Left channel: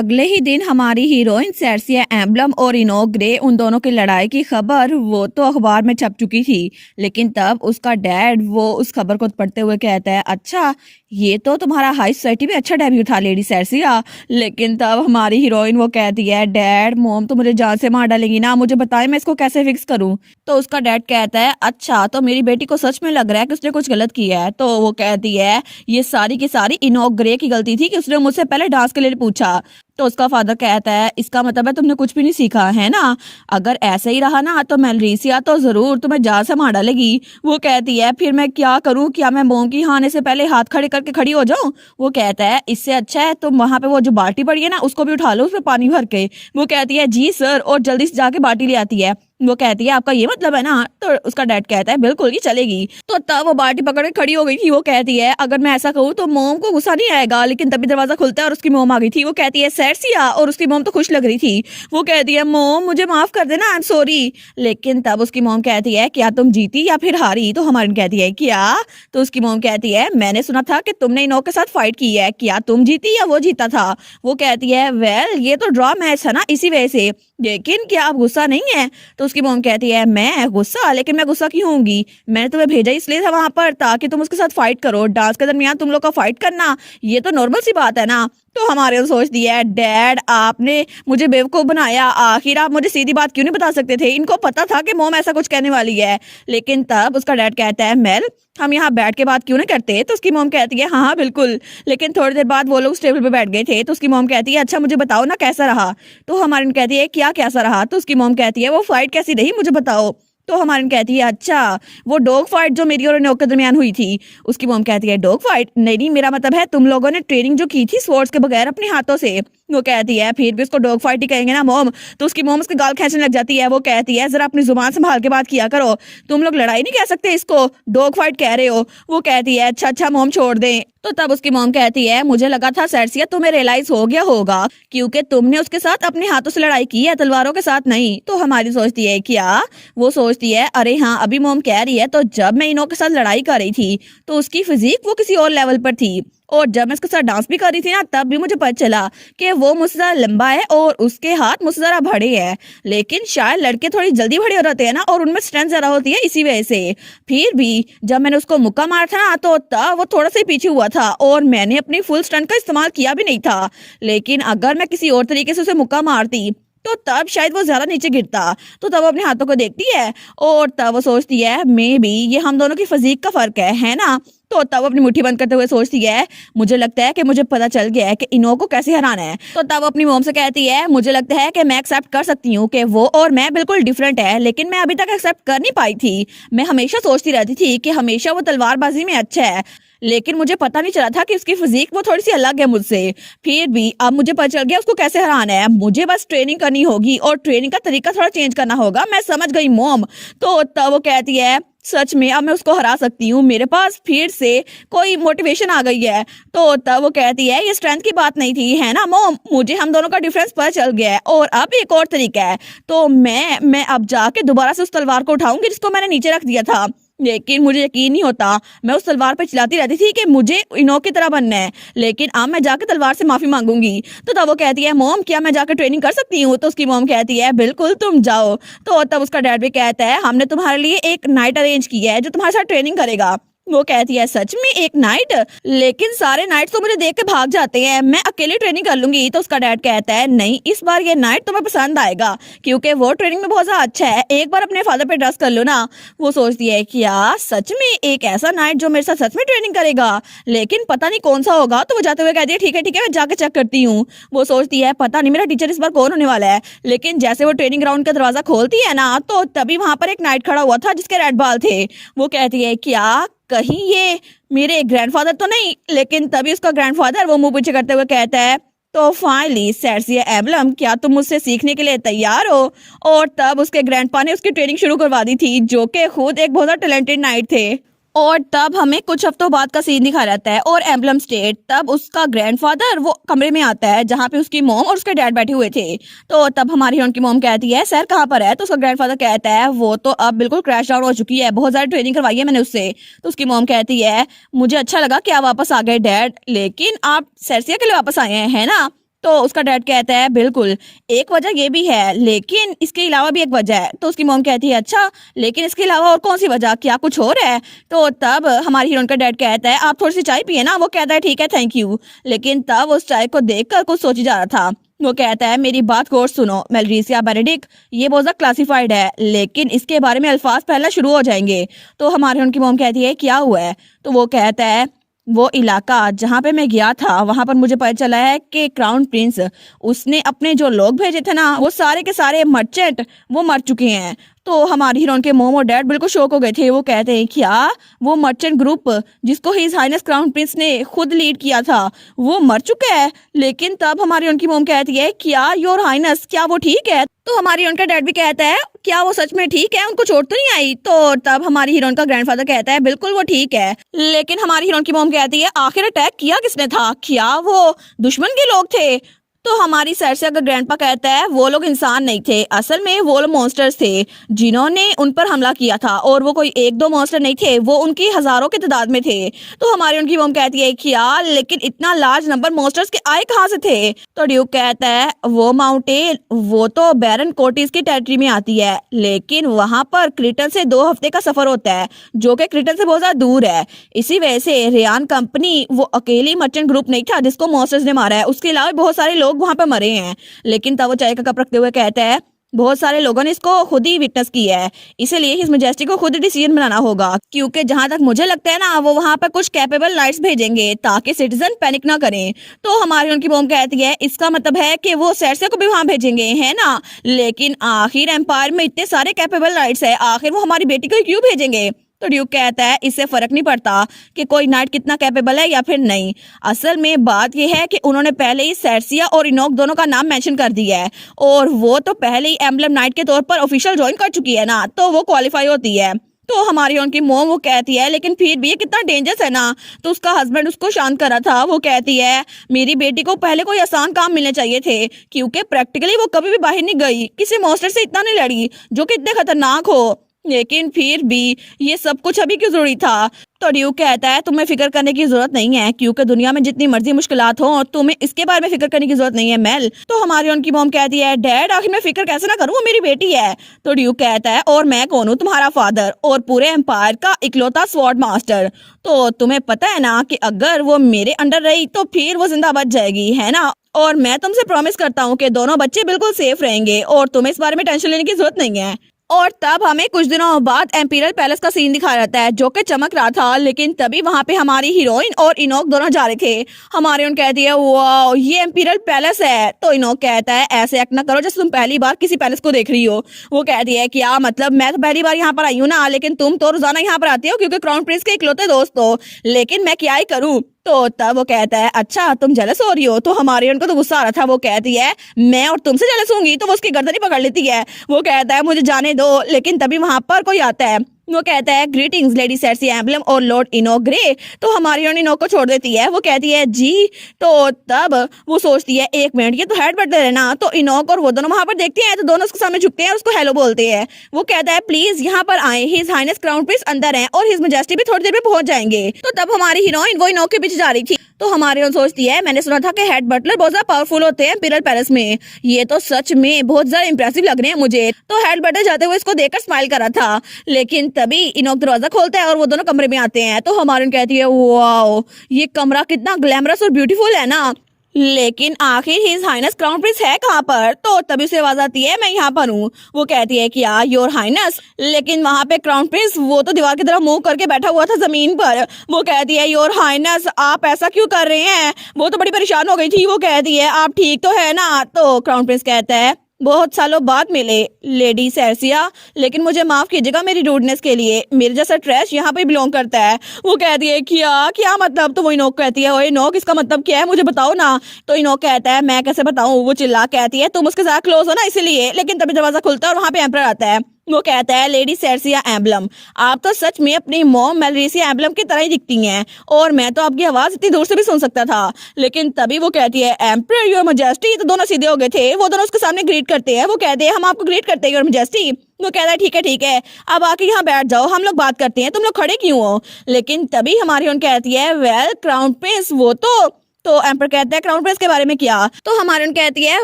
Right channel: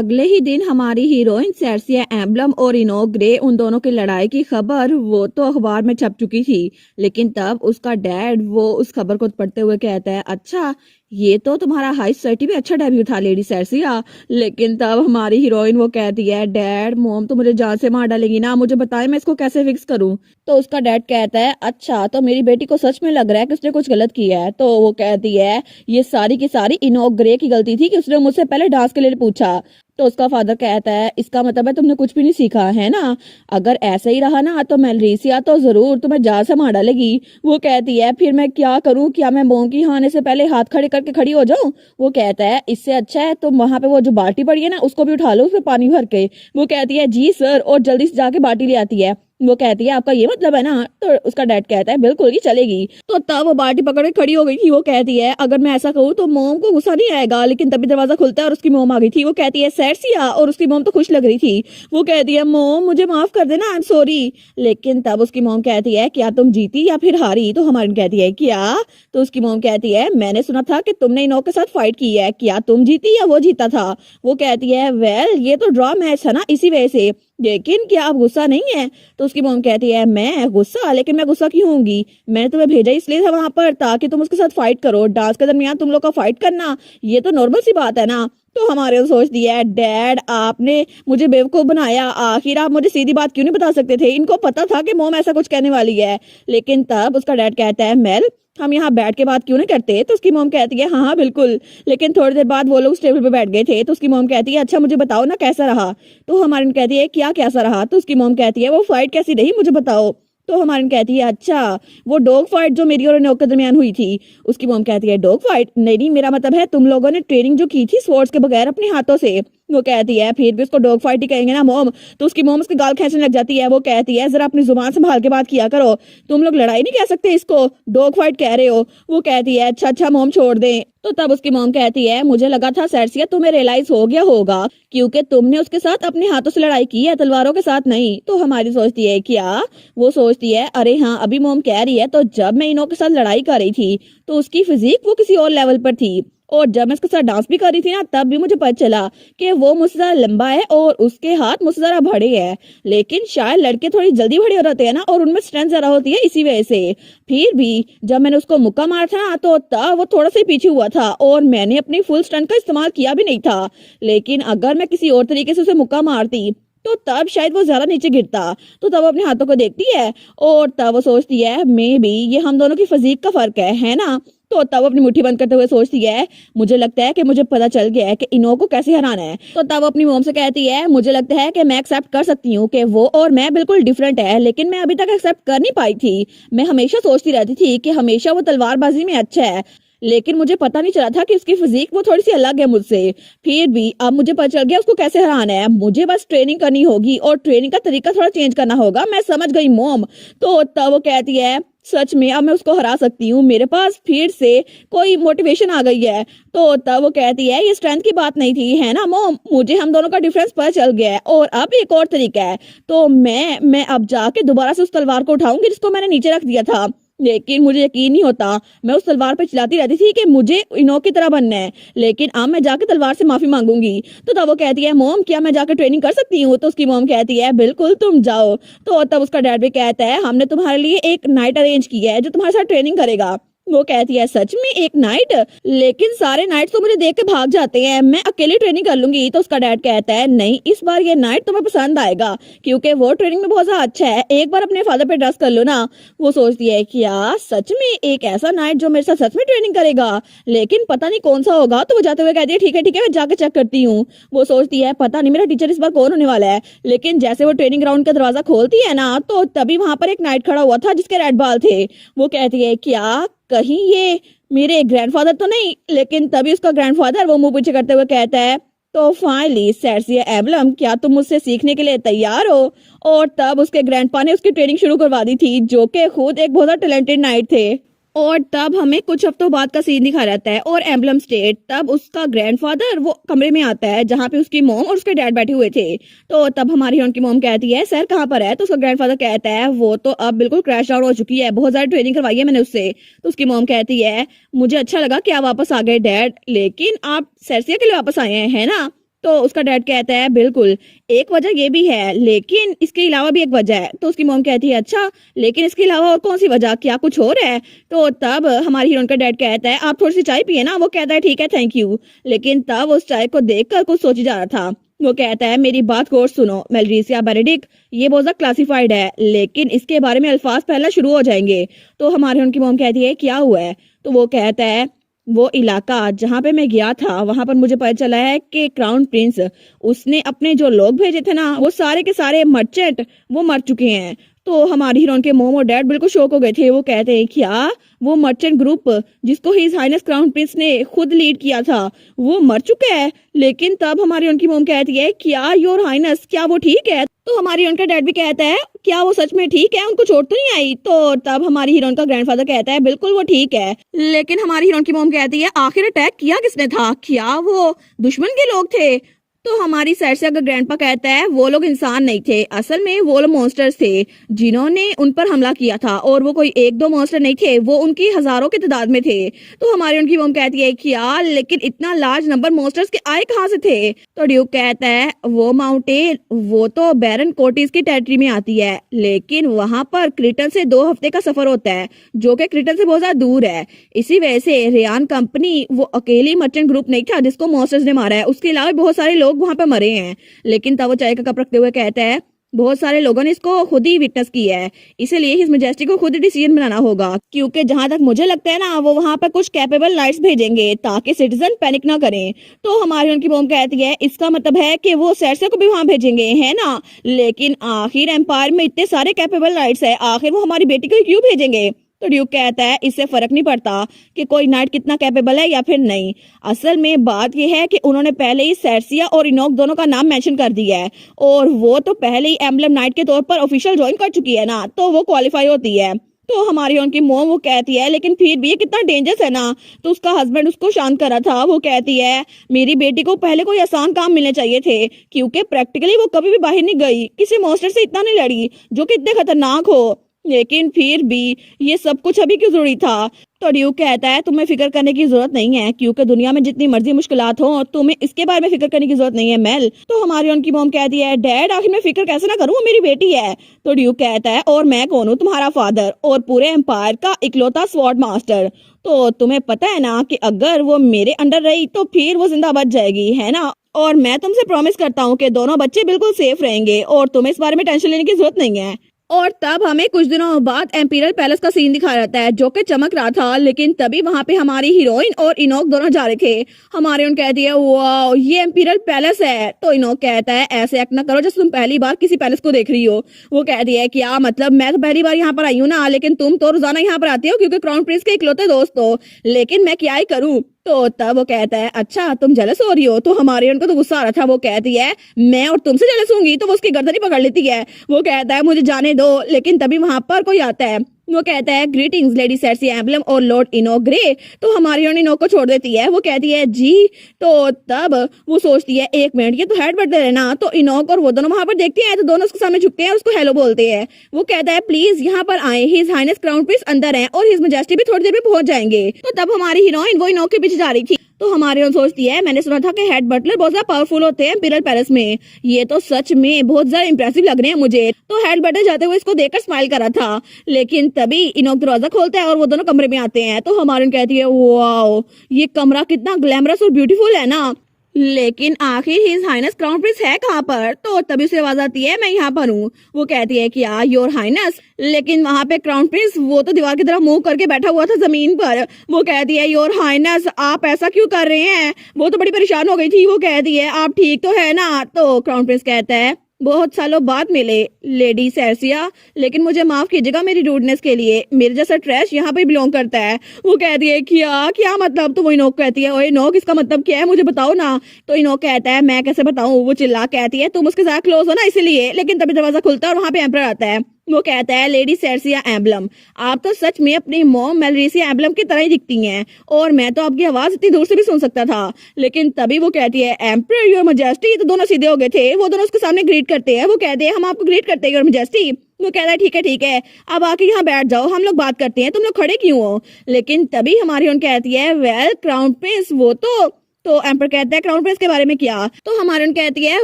अगले ही दिन हमारी हीरोइन सेर्सिया एम्बलम और इनोक ग्रे उन दोनों की लड़ाई की खबर वो तो अखबार में छप चुकी थी। लेकिन तब उसका डैड वो उस खबर को पढ़ते हुए कहता है, अच्छा ये तो तुम्हारा हाई सोसाइटी में अच्छा डेब्यू था लेडी सेर्सिया। लेकिन तब हमारी हीरोइन वो कहती है, डैड मोम तो मुझे जान से मार डालेगी ना, मुझे बताएं मैं इसको कैसे फिक्स करूं। तो उसका डैड कहता है, अच्छा तो मेरी बेटी को सच में लग रहा है कि उसने कुछ गलत किया है। तो वो कहती है, ये सारी की सारी इनोक ग्रे की गलती थी कि उसने मुझसे पहले डांस के लिए पूछा। तो उसका फादर कहता है, इसका मतलब है तुमने कुछ भी नहीं सीखा है ना, अगर ऐसे ही रहा ना तो मेलरीसिया तो जरूर तुम्हें जान से मार डालेगी। वो कहती है, फिर मैं क्या करूं, क्या मैं मोम की आने से पहले हाथ खड़े करके खड़ी हो जाऊं। वो कहता है, इससे अच्छा है तुम वहां पे वो जो बाल्टी पड़ी है ना उसको भी उठा लो, उसमें पानी भर के। वो कहती है, जी सर, और जल्दी से जाके बाल्टी ले आती है। वो कहती है, आपका ये मतलब है ना। तो उसका डैड कहता है, बिल्कुल ही चलेगी। तो तब वो बाल्टी पकड़ के खड़ी हो गई थी। वो कहती है, अगर मैं ऐसा कहूँ तो मोम को गुस्सा नहीं आएगा। लेकिन तभी दरवाजा खुलता है और उसकी मोम आ गई थी। वो कहती है, सेर्सिया, और उसकी मोम तो खुश लग रही थी। वो कहती है, मोम मुझे माफ कर देना, आई एम सॉरी। लेकिन तब उसकी मोम कहती है, क्या तुम जीती या फिर हारी। तो हमारी कहती है, क्या। तो उसकी मोम कहती है, मैंने सुना था कि तुमने इनोक के साथ फाइट की है, क्या तुम जीती या वो जीता था। वो कहती है, वेल ये तो ड्रॉ मैच है ना, इसी वजह से, लेकिन क्या आप गुस्सा नहीं है। तो उसकी मोम कहती है, मैं गुस्सा, लेकिन मैं गुस्सा क्यों होंगी, मैंने तुम्हें भेजा इसलिए था वहां पर ताकि तुम उसके साथ फाइट करो। डांस के दरमियान तुम लोग का फाइट करना ये तो नॉर्मल सी बात है ना। तो हमारे तो सोच दिया है, डैड आपने मुझे बेवकूफ बनाया, आखिर आप मुझे सीधी बात क्यों नहीं बता सकते थे। इनको पता था कि मोम ऐसा कुछ कहने वाली है। लेकिन तब उसका डैड कहता है, मेल हम यहाँ बैठ के बात क्यों ना करते। तो उसकी मोम कहती है, हाँ हाँ बिल्कुल। लेकिन थोड़ी देर बाद वो लोग उस टेबल पे बैठ गए थे। तो उसकी मोम कहती है, अच्छा मुझे बताओ ना कैसा रहा। तो हमारी कहती है, क्या कैसा रहा। तो उसकी मोम कहती है, वो फाइट कैसी रही मुझे बताओ। तो हमारी कहती है, अच्छा वो डॉग फाइट जो मेरी और इनोक के दरमियान हुई थी। उसकी मोम कहती है, डॉग फाइट नहीं, मेरा मतलब है तुम लोगों ने ट्रेनिंग जो की थी स्वॉर्ड्स के बगैर अपने हाथों से। वो कहती है, फिर भी उसको डॉग फाइट ही कहेंगे ना मोम। तो उसकी मोम उसके गाल खींचने लग जाती है। वो कहती है, जरा अपनी जुबान संभाल के बात किया करो, तुम लोग लड़ाई नहीं कह सकते, इसको डॉग फाइट कह रहे हो। वो कहती है, अच्छा अच्छा मोम छोड़ दे। तो तब उसकी मोम कहती है, मुझे लगा था सेर्सिया तुम्हें रियलाइज हो गया होगा क्योंकि तुमने उसके साथ अपने हाथों से लड़ाई की है, तलवारों के साथ नहीं। तो हमारी सोचती है, क्या। वो सोचती है, अरे हाँ अभी मोम कह रही है, तो जब मैं इनोक के साथ लड़ाई कर रही थी तो उसकी फिजिक वो किसी और लेवल पर थी, और जब मैं उसके साथ डांस भी कर रही थी ना तब भी मुझे पता चला कि वो मुझसे ज्यादा लंबा है और उसके हाथ मुझसे ज्यादा बड़े हैं। लेकिन शायद लड़के थोड़ी जल्दी बड़े हो जाते हैं ना, और उनमें स्ट्रेंथ ज्यादा होती है इसी वजह से। फिर भी जब मैंने उसको मुक्का मारा था ना तो तब वो थोड़ा सा ही पीछे हुआ था और मैंने अपनी फुल स्ट्रेंथ का इस्तेमाल किया भी नहीं था। लेकिन अगर मैं किसी और तरीके से उसे मुक्का मारती तो तब शायद वो ज्यादा नीचे गिरता। तो तब अपने हाथों को देखती है और तब वो सोचती है, मे बी ये हम दोनों की फिजिक का फर्क है ना। तो तब अपनी मुट्ठी बंद करते हुए सोचती है, मुझे लगता है कि मुझे पता चल गया है कि इनोक को कैसे हराना है। तो तब अपनी मॉम से कहती है, मुझे लगता है कि मैं एक्सेप्ट कर सकती हूँ कि वो और मैं बिल्कुल डिफरेंट है, लेकिन मैं अभी तक एक्सेप्ट कर नहीं पाई थी। मैं हमेशा सोचती रहती थी कि हमेशा वो तलवारबाजी में अच्छा है, लेकिन मुझे पता नहीं चला था कि उसकी फिजिक वो थोड़ी सी अलग है मुझसे। फिर भी अब मुझे पता चल गया उसको कैसे हराना है। मुझे बस ट्रेनिंग करनी होगी और ट्रेनिंग का तरीका थोड़ा चेंज करना होगा। मैं समझ गई मॉम। तो तब वो कहती है, सच में अब मैं उसको हरा सकती हूँ, मेरे पास फिर से कोई मोटिवेशन आ गई है। तो तब वो कहती है, ये स्ट्रेंथ की बात नहीं थी है ना मॉम, मुझे हम दोनों का डिफरेंस पता चल गया है और अब एक और तरीका है। तो मैं अब जाके दोबारा से उस तलवार को उठाऊंगी जिसको मैंने नीचे रख दिया था। लेकिन मुझे यकीन नहीं होता, मैं उस तलवार पे चिल्लाती रहती थी कि मुझे इनोक की तरह बनना है, लेकिन अब मैं जाके तलवार से माफी मांगूंगी। तो तब वो कहती है, मॉम क्या मैं जाकर ट्रेनिंग कर सकती हूँ। तो उसकी मॉम कहती है, बिल्कुल तुम जाओ। तो तब उसका डैड भी कहता है, हमने तुम्हारे लिए एक नाइट अरेंज किया है जो तुम्हारे साथ ट्रेनिंग करेगा। वो कहती है, सच में एक नाइट, लेकिन सारे नाइट तो मुझे देख के भाग जाते हैं, मैं अकेली ट्रेनिंग कर लूंगी। तो उसका डैड कहता है, नहीं इस बार ये नाइट तुम्हें पसंद आएगा क्योंकि वो ट्रेनिंग में बहुत ज्यादा अच्छा है, एक बार अपने फादर पे ट्रस्ट कर लो ना। वो सोचती है, क्या सच में एक ऐसा नाइट जो मेरे साथ सच में ट्रेनिंग करेगा, लेकिन पता नहीं कौन सा होगा। तो वो जाते हुए कहती है, ठीक है मैं जाके चेक करती हूँ। वो सोचती है, पता नहीं मेरा टीचर इस बार कौन होने वाला है। लेकिन जैसे वो ट्रेनिंग ग्राउंड का दरवाजा खोलती है ना तो तभी वहां पर एक नाइट खड़ा हुआ था जिसके रेड बाल थे। वो कहती है, क्या कहीं ये मेरे ग्रैंडफादर तो नहीं। लेकिन तभी उसका ग्रैंडफादर वो मुंह पीछे करते हुए कहता है, तो फाइनली सेर्सिया एम्बलम क्या तुम मुझसे सीखने के लिए तैयार हो। और तब उसके ग्रैंडपा ने उसकी ट्रेनिंग शुरू करवा दी थी जो कि खुद एक बहुत टैलेंटेड नाइट थे। और तब हमें कुछ हफ्तों बाद का सीन दिखा रहता है और एम्बलम स्टेट, तब उसका ग्रैंडफादर वो कमरे में आता है जहाँ पे उसकी मॉम और उसके डैड बैठे हुए थे। तो तब हमारी हीरोइन की मॉम कहती है, सर कहाँ पर है। तो उसका ग्रैंडफादर कहता है, वो तो अब बिल्कुल क्रैश डाउन हो चुकी है, बहुत ज्यादा ट्रेनिंग करवाई है मैंने उससे। तो उसकी मॉम कहती है, मुझे अच्छा लगा कि आप वापस आ गए डैड, लेकिन आप सेर्सिया के लिए वापस आए हैं है ना। तो उसका डैड कहता है बिल्कुल, एक वजह ये भी है लेकिन इसके अलावा भी एक वजह है। तो उसकी मॉम कहती है अच्छा, लेकिन इसके अलावा और कौन सी वजह, क्या कुछ और है? तो तब हमारी हीरोइन का डैड कहता है आप थोड़ी सी चाय पिए ना। वो कहता है ठीक है थैंक यू। लेकिन तब उस चाय को देखकर कुछ सोची जा रहा था। वो कहता है मेरी बात गौर सुनो मेलरीसिया बेनेडिक्ट, ये बहुत ज्यादा क्लासिफाइड है लेकिन इसके बारे में अल्फाज फैलना शुरू हो जाएंगे। तो हमारी उनकी मॉम कहती है क्या हुआ है? तो वो कहता है वो इलाका जहाँ पे मैं गया था वहां पर मुझे पता चला है कि क्राउन प्रिंस उसने अपने जो लोग भेजे थे ना वो सारे के सारे मर्चेंट वो मर चुके हैं। तो हमारी हीरोइन के मॉम और डैड बिल्कुल शॉक हो गए थे। वो कहते हैं क्या वो मर्चेंट ग्रुप जिसको हिज हाइनेस क्राउन प्रिंस ने खुद लीड किया था वो मर चुका है? लेकिन तब हमारी उनकी मॉम कहती है क्या योर हाइनेस क्या वो ठीक है? तो हमारी उनका डैड भी कहता है क्या वो सच में ठीक है, उनको चोट तो नहीं आई? तो तब हमारी हीरोइन का ग्रैंडफादर कहता है बिल्कुल वो ठीक है। लेकिन हमारी हीरोइन की मॉम कहती है आखिर अटैक किया किसने था, क्या वो दुश्मन के लोग थे? तो हमारी साइड से अगर ग्रैंडपा कहता है वो लोग इंसान नहीं थे, असल में वो लोग मॉन्स्टर्स थे जिन्होंने उन पर हमला किया था और वो कोई एक दो मॉन्स्टर नहीं थे, वो उनकी हजारों की तादाद में थे। तो हमारी उनकी मॉम कहती है कि यार लेकिन इतना लार्ज नंबर मॉन्स्टर्स के आए कहाँ से थे? तो ड्यूक कहता है वो माउंटेन वो तो बैरन कोटिस की टेरिटरी में आती है लेकिन वहां पर क्रिटन से 2 हफ्ते का सफर होता है जो कि क्रिटन से बहुत ज्यादा दूर है। इसी वजह से रेयान कंपनी वो अकेली मर्चेंट ग्रुप नहीं था जिसको मॉन्स्टर्स ने मारा है, उसके अलावा बहुत सारे लोग वहां पे मरे हैं। लेकिन तब वो चाय का कप रखते हुए कहता है बहुत सारे लोगों ने इसको खुद ही विटनेस किया है, इसलिए हिज मैजेस्टी को खुद डिसीजन बनाना होगा क्योंकि जहां तक मुझे लगता है ना वो वहां पे कुछ कैपेबल लाइट्स भेजेंगे ताकि सिटीजन पैनिक ना करें। तो हमारी उनकी मॉम कहती है इसका मतलब है कि वो सेर्से को भी वहां भेजेंगे है ना? लेकिन आखिर एम्पायर में इतने सारे कैपेबल लाइट्स है, आखिर वो हमारी बेटी को क्यों भेजेंगे? तो ड्यूक कहता है इससे फर्क नहीं पड़ता कि कोई नाइट कितना कैपेबल है या फिर नहीं, असल में बात यह है कि उन्होंने पहले ही सेर्सिया और इनोक दोनों का नाम मेंशन कर दिया है और वो तो पहले ही एम्बलम नाइट के तौर पर ऑफिशियल ज्वाइन कर चुकी है ना, तो वो क्वालिफाई होती है। तो हमारी उनकी मोम वो कहती है लेकिन फिर भी ये कितना डेंजरस है ना। तो उसका हस्बैंड उसको शांत कर रहा था। वो कहती है मेरी बेटी को पहले कोई आसान काम मिलने चाहिए थे क्योंकि प्रैक्टिकली वो कभी भी बाहर नहीं गई, किसी मॉन्स्टर से इतना नहीं लड़ी जो कि इतने खतरनाक हो, लेकिन फिर भी ये सब कुछ अभी क्यों जरूरी था? तो ड्यूक कहता है तुम्हें फिक्र करने की जरूरत नहीं है क्योंकि दुनिया में जितनी मर्जी मुश्किलात हो और तुम्हें इसके बारे में फिक्र करने की जरूरत नहीं है मेल। तो हमारी उनकी मॉम कहती है डैड आखिर मैं फिक्र कैसे ना करूं, वो मेरी बेटी है। तो ड्यूक कहता है और मैं कौन हूँ, तुम्हारा फादर और पूरे एम्पायर का इकलौता स्वॉर्ड मास्टर। तो तुम्हें पता है ना कि अगर वो मेरे अंडर रही तो फिर वो जिंदा बच जाएगी है ना, और मैं तुमसे प्रॉमिस करता हूँ कि दोनों बच्चे बिल्कुल सेफ रहेंगे और तुम्हें इस बारे में टेंशन लेने की जरूरत नहीं है। और तब हमें कुछ दिनों बाद एम्पीरियल पैलेस का सीन दिखाया जाता है जो कि चमक रहा था, लेकिन तभी वहां पे हमारी हीरोइन और इनोक दोनों जा रहे थे। हमारी उन कहती है वाह ये एम्पीरियल पैलेस है। तो इनोक कहता है ऐसे एक्ट ना करो जैसे तुम पहली बार किसी पैलेस को देख रही हो। वो कहती है क्या मतलब, मैं तो पहली बार यहाँ पर आई हूँ ना, लेकिन तुम तो रोजाना यहाँ पर आती हो क्योंकि क्राउन प्रिंस के इकलौते दोस्त हो, लेकिन मैं क्या ही करूँ। तो तब वो कहता है अच्छा तुम जेलस हो रही हो। तो हमारे उनको तो गुस्सा आ रहा था। वो कहती है मैं और तुमसे जेलस होंगी, तो वो उसकी गर्दन ही पकड़ लेती है। वो कहता है मुझे जाने दो, लेकिन तभी वहां पर कोई आता है। वो कहता है ग्रीटिंग्स लेडी सेर्सी एम्बलम और लॉर्ड इनोक ग्रे। तो हमारी इनोक को छोड़ देती है। वो कहती है जी। तो तब वो सोचती है एक मिनट ये तो हेड बट दे रहे ना। तो इनोक और वो दोनों वहां पर देखते हैं तो दोनों उसके सामने झुकते हैं, उसको हेलो बोलते हैं। वो कहता है प्लीज यहाँ पर आए, हिज हाइनेस क्राउन प्रिंस अंदर है और हिज मैजेस्टी भी थोड़ी देर में पहुंच जाएंगे। तो तब हमारी हीरोइन वो इनोक के पीछे जा रही थी। तो हमारी उन सोचती है मैंने सुना था कि हेड बटलर बहुत ज्यादा पावरफुल होते हैं इंपीरियल पैलेस में, ये तो सच में बहुत ज्यादा इंप्रेसिव लग रहे हैं मुझे। तो हेड बटलर जाते हुए इसको देखकर स्माइल कर रहा था, लेकिन तभी इनोक दरवाजा खोलता है और वो दोनों कमरे में आते हैं। तो हमारी उन कहती है वाओ ये कमरा कितना ग्लैमरस और ब्यूटीफुल है ना, लेकिन आखिर हिज हाइनेस क्राउन प्रिंस है कहाँ पर? तो तभी उसे आवाज आती है मैं यहाँ पर हूँ। वो कहती है कि यार योर हाइनेस, लेकिन वहां पे क्राउन प्रिंस वो तो दीवार की तरफ मुंह करके बैठा हुआ था जमीन पर। वो कहती है योर हाइनेस आप ऐसा क्यों कर रहे हैं? वो तो बड़ी परेशान हो गई थी। वो कहती है आप ठीक तो है ना? तो क्राउन प्रिंस कहता है बहुत सालों बाद मिले लेडी सेर्सिया, लेकिन मुझे माफ कीजिएगा मेरी रूडनेस के लिए, मेरे जैसा ट्रैश यहाँ पे बिलोंग करता है। वो कहती है क्या क्या मतलब? तो वो इनोक कहती है ओए इनोक इसका मतलब क्या है मुझे बताओ ना। तो इनोक कहता है मैं कैसे बताऊं। वो चिल्ला कहती है तुम उसके साथ क्लोज हो ना इसलिए। लेकिन तभी दरवाजा खुलता है और वहां पे एम्परर आता है। वो कहता है लेडी सेर्सिया एम्बलम आप तो सच में अपनी मॉम मेलरीसिया एम्बलम की तरह ही दिखती हैं और मैं तो आपकी आवाज इतनी दूर से भी सुन सकता था। लेकिन तभी वो कहती है एम्परर योर मैजेस्टी। तो दोनों सीधे हो गए थे। वो दोनों उसके सामने ग्रीट करते हैं। वो कहते हैं हम आपको ग्रीट करते हैं योर मैजेस्टी। वो कहता है ठीक है अब आके यहाँ बैठ जाओ, हम लोग बात करते हैं, तुम लोग खड़े क्यों हो? लेकिन तभी हमारी उन कहती है वेल क्राउन प्रिंस वो तो तो एम्पर कहता है क्राउन प्रिंस के बारे में क्या? तो हमारन कहती है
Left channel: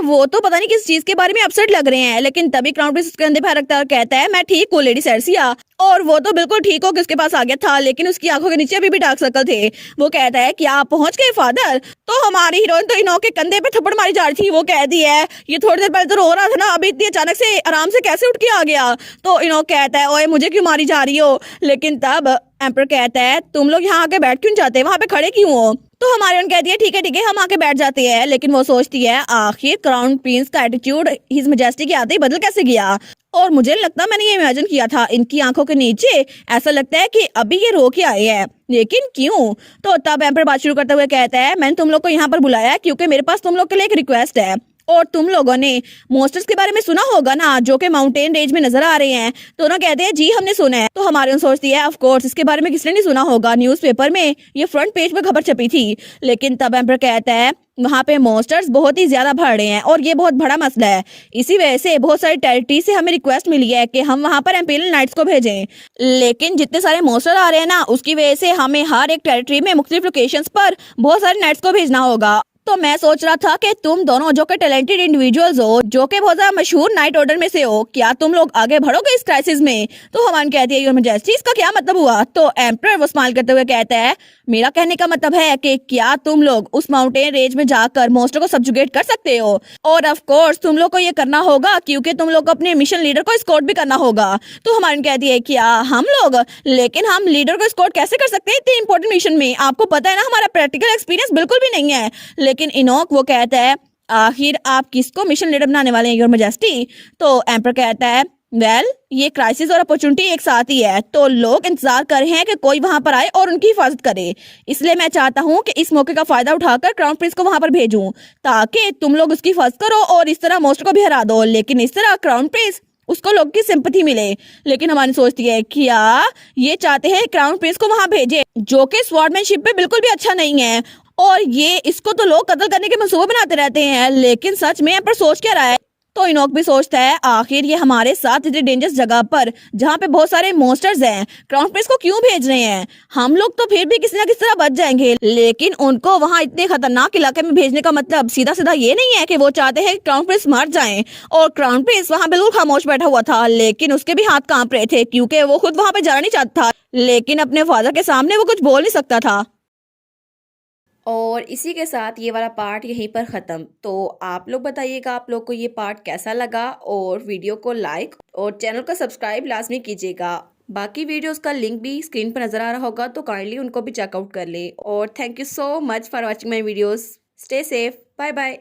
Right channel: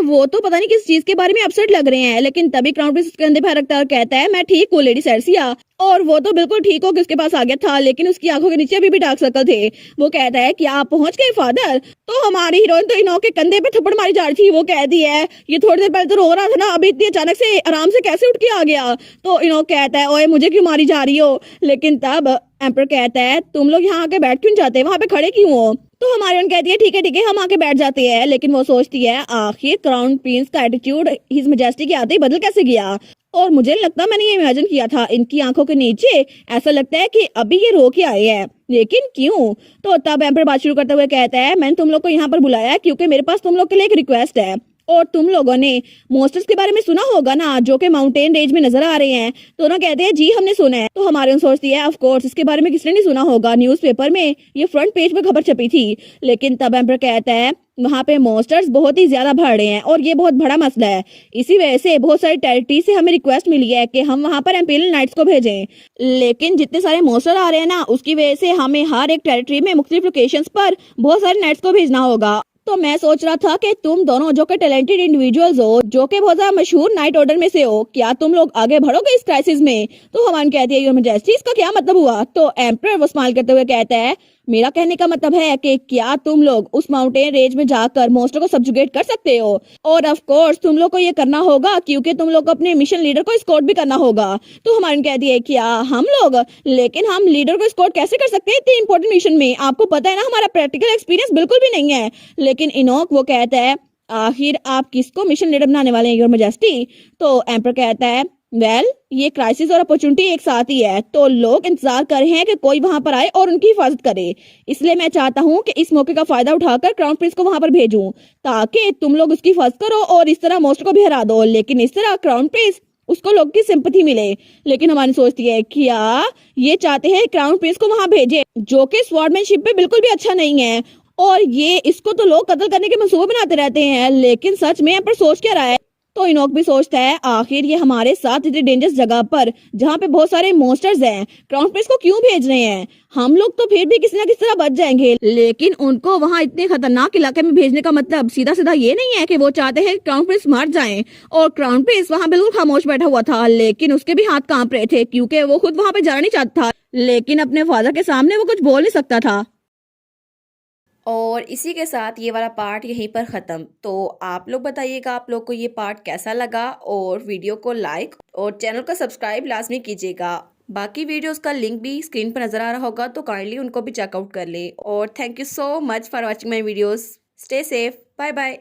वो तो पता नहीं किस चीज के बारे में अपसेट लग रहे हैं, लेकिन तभी क्राउन प्रिंस उसके कंधे पे हाथ रखता है और कहता है मैं ठीक हूँ लेडी सेर्सिया। और वो तो बिल्कुल ठीक हो कि उसके पास आ गया था, लेकिन उसकी आंखों के नीचे अभी भी डार्क सर्कल थे। वो कहता है क्या आप पहुंच गए फादर? तो हमारी हीरोइन तो इनोक के कंधे पे थप्पड़ मारी जा रही थी। वो कहती है ये थोड़ी देर पहले तो रो रहा था ना, अभी इतनी अचानक से आराम से कैसे उठ के आ गया? तो इनोक कहता है ओए मुझे क्यों मारी जा रही हो? लेकिन तब एम्पर कहता है तुम लोग यहाँ आके बैठ क्यों जाते, वहां पे खड़े क्यों हो? तो हमारी उन कहती है ठीक है हम आके बैठ जाते हैं, लेकिन वो सोचती है आखिर क्राउन प्रिंस का एटीट्यूड हिज मैजेस्टी के आते ही बदल कैसे गया? और मुझे नहीं लगता मैंने ये इमेजिन किया था, इनकी आंखों के नीचे ऐसा लगता है कि अभी ये रो के आए हैं, लेकिन क्यों? तो तब एम्पर बात शुरू करते हुए कहता है मैंने तुम लोग को यहाँ पर बुलाया है क्योंकि मेरे पास तुम लोग के लिए एक रिक्वेस्ट है। और तुम लोगों ने मॉन्स्टर्स के बारे में सुना होगा ना, जो कि माउंटेन रेंज में नजर आ रहे हैं? दोनों कहते हैं जी हमने सुना है। तो हमारे सोचती है ऑफ कोर्स इसके बारे में किसने नहीं सुना होगा, न्यूज़पेपर में ये फ्रंट पेज पे खबर छपी थी। लेकिन तब एम्पर कहता है वहां पे मॉन्स्टर्स बहुत ही ज्यादा बढ़ रहे हैं और ये बहुत बड़ा मसला है। इसी वजह से बहुत सारी टेरिटरी से हमें रिक्वेस्ट मिली है कि हम वहां पर एम्पेरियल नाइट्स को भेजें, लेकिन जितने सारे मॉन्स्टर आ रहे हैं ना, उसकी वजह से हमें हर एक टेरिटरी में मुख्तलिफ लोकेशंस पर बहुत सारे नाइट्स को भेजना होगा। तो मैं सोच रहा था कि तुम दोनों जो कि टैलेंटेड इंडिविजुअल्स हो, जो कि बहुत ज्यादा मशहूर नाइट ऑर्डर में से हो, क्या तुम लोग आगे बढ़ोगे इस क्राइसिस में? तो हमान कहती है योर मैजेस्टी इसका क्या मतलब हुआ? तो एम्परर वो स्माइल करते हुए कहता है मेरा कहने का मतलब है कि क्या तुम लोग उस माउंटेन रेंज में जाकर मॉन्स्टर को सब्जुगेट कर सकते हो? और ऑफ कोर्स तुम लोग को ये करना होगा क्योंकि तुम लोग को अपने मिशन लीडर को स्कॉट भी करना होगा। तो हमारी कहती है क्या हम लोग? लेकिन हम लीडर को स्कॉट कैसे कर सकते हैं इतने इंपॉर्टेंट मिशन में? आपको पता है ना हमारा प्रैक्टिकल एक्सपीरियंस बिल्कुल भी नहीं है। लेकिन इनोक वो कहता है आखिर आप किसको मिशन लीडर बनाने वाले हैं योर मैजेस्टी? तो एम्पर कहता है वेल ये क्राइसिस और अपॉर्चुनिटी एक साथ ही है, तो लोग इंतजार कर रहे हैं कि कोई वहां पर आए और उनकी हिफाजत करे। इसलिए मैं चाहता हूं कि इस मौके का फायदा उठाकर क्राउन प्रिंस को वहां पर भेजूं ताकि तुम लोग उसकी हिफाजत करो और इस तरह मॉन्स्टर को भी हरा दो, लेकिन इस तरह क्राउन प्रिंस उसको लोग की सिंपैथी मिले। लेकिन हमारी सोचती है क्या ये चाहते हैं क्राउन प्रिंस को वहां भेजे जो कि स्वॉर्डमैनशिप पे बिल्कुल भी अच्छा नहीं है, और ये इसको तो लोग कत्ल करने के मंसूबे बनाते रहते हैं, लेकिन सच में पर सोच क्या रहा है? तो इनोक भी सोचता है आखिर ये हमारे साथ इतनी डेंजरस जगह पर जहाँ पे बहुत सारे मॉन्स्टर्स हैं क्राउन प्रिंस को क्यों भेज रहे हैं? हम लोग तो फिर भी किसी ना किसी तरह बच जाएंगे, लेकिन उनको वहाँ इतने खतरनाक इलाके में भेजने का मतलब सीधा सीधा ये नहीं है कि वो चाहते हैं क्राउन प्रिंस मर जाए। और क्राउन प्रिंस वहाँ बिल्कुल खामोश बैठा हुआ था, लेकिन उसके भी हाथ कांप रहे थे क्योंकि वो खुद वहाँ पे जाना नहीं चाहता था, लेकिन अपने फादर के सामने वो कुछ बोल नहीं सकता था। और इसी के साथ ये वाला पार्ट यहीं पर ख़त्म। तो आप लोग बताइएगा आप लोग को ये पार्ट कैसा लगा, और वीडियो को लाइक और चैनल को सब्सक्राइब लाजमी कीजिएगा। बाकी वीडियोस का लिंक भी स्क्रीन पर नज़र आ रहा होगा, तो काइंडली उनको भी चेकआउट कर ले। और thank you so much for watching my videos. Stay safe, bye bye.